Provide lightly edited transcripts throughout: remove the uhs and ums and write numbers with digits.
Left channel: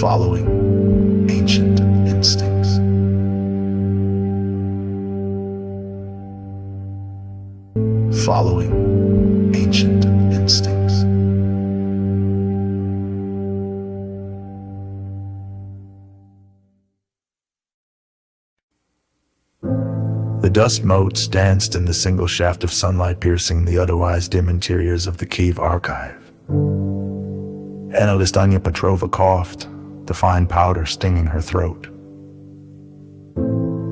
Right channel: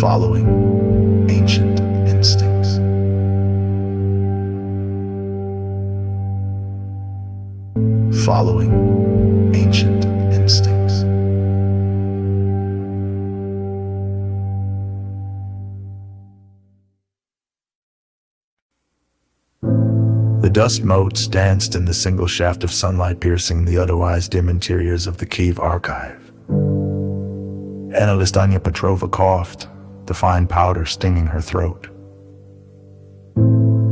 following ancient instincts. Following ancient instincts. The dust motes danced in the single shaft of sunlight piercing the otherwise dim interiors of the Kyiv archive. Analyst Anya Petrova coughed, the fine powder stinging her throat.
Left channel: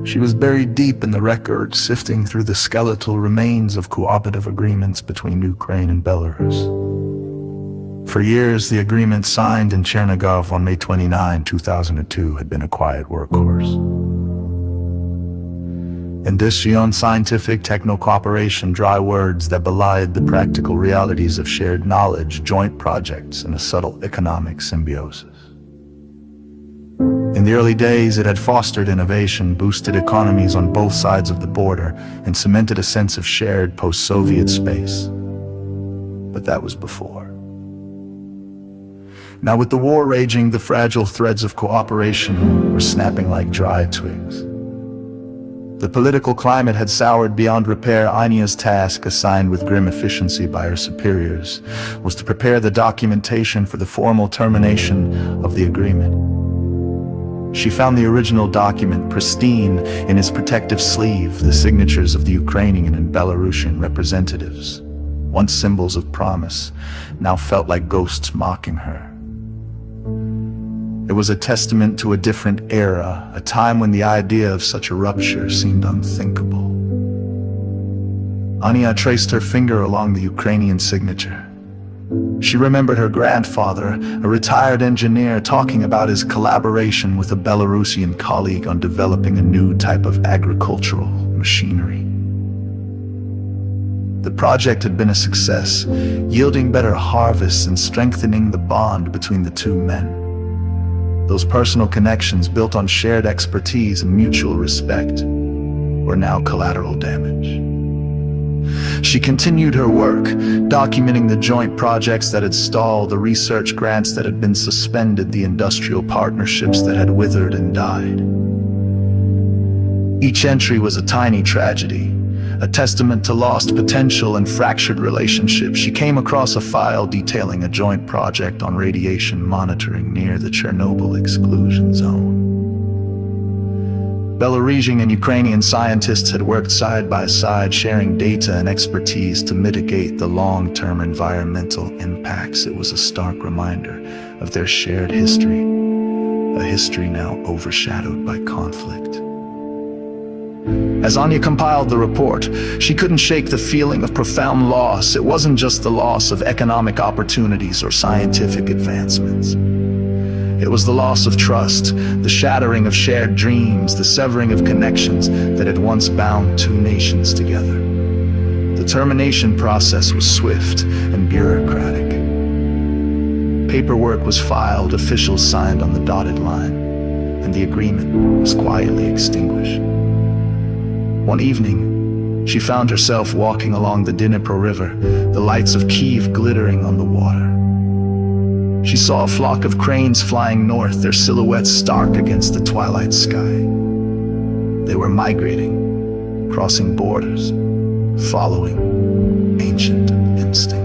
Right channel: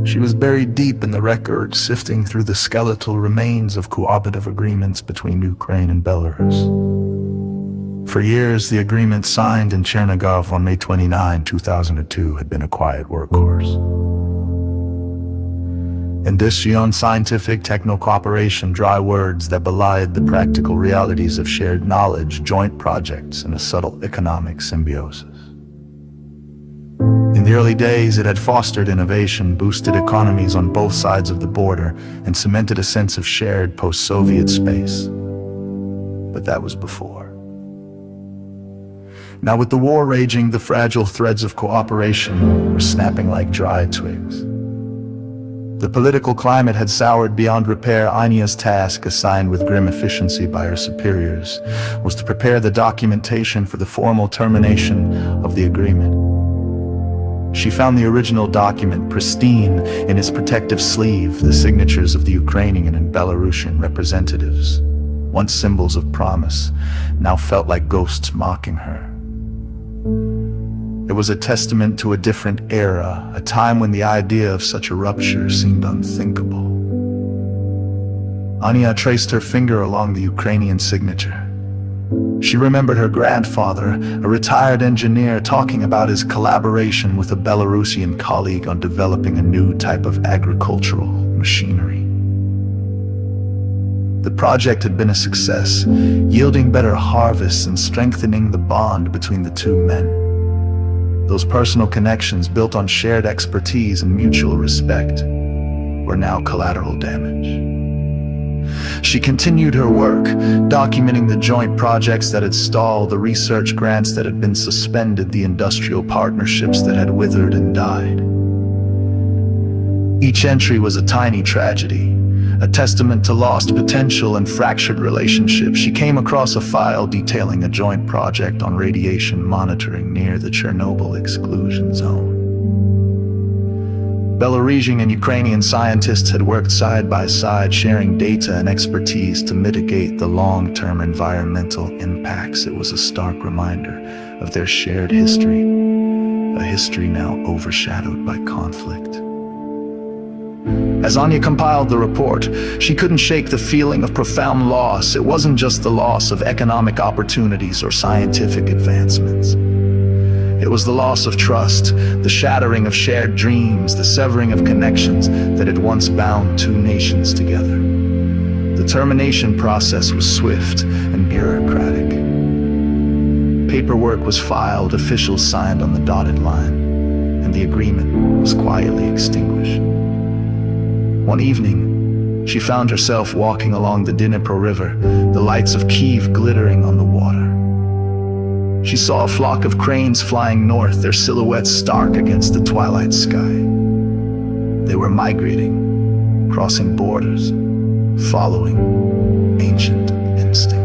She was buried deep in the records, sifting through the skeletal remains of cooperative agreements between Ukraine and Belarus. For years, the agreement signed in Chernigov on May 29, 2002 had been a quiet workhorse. Industrial, scientific, techno-cooperation, dry words that belied the practical realities of shared knowledge, joint projects, and a subtle economic symbiosis. In the early days, it had fostered innovation, boosted economies on both sides of the border, and cemented a sense of shared post-Soviet space. But that was before. Now, with the war raging, the fragile threads of cooperation were snapping like dry twigs. The political climate had soured beyond repair. Anya's task, assigned with grim efficiency by her superiors, was to prepare the documentation for the formal termination of the agreement. She found the original document, pristine in its protective sleeve, the signatures of the Ukrainian and Belarusian representatives, once symbols of promise, now felt like ghosts mocking her. It was a testament to a different era, a time when the idea of such a rupture seemed unthinkable. Anya traced her finger along the Ukrainian signature. She remembered her grandfather, a retired engineer, talking about his collaboration with a Belarusian colleague on developing a new type of agricultural machinery. The project had been a success, yielding better harvests and strengthening the bond between the two men. Those personal connections, built on shared expertise and mutual respect, were now collateral damage. She continued her work, documenting the joint projects that had stalled, the research grants that had been suspended, the industrial partnerships that had withered and died. Each entry was a tiny tragedy, a testament to lost potential and fractured relationships. She came across a file detailing a joint project on radiation monitoring near the Chernobyl exclusion zone. Belarusian and Ukrainian scientists had worked side by side, sharing data and expertise to mitigate the long-term environmental impacts. It was a stark reminder of their shared history, a history now overshadowed by conflict. As Anya compiled the report, she couldn't shake the feeling of profound loss. It wasn't just the loss of economic opportunities or scientific advancements. It was the loss of trust, the shattering of shared dreams, the severing of connections that had once bound two nations together. The termination process was swift and bureaucratic. Paperwork was filed, officials signed on the dotted line, and the agreement was quietly extinguished. One evening, she found herself walking along the Dnipro River, the lights of Kyiv glittering on the water. She saw a flock of cranes flying north, their silhouettes stark against the twilight sky. They were migrating, crossing borders, following ancient instincts.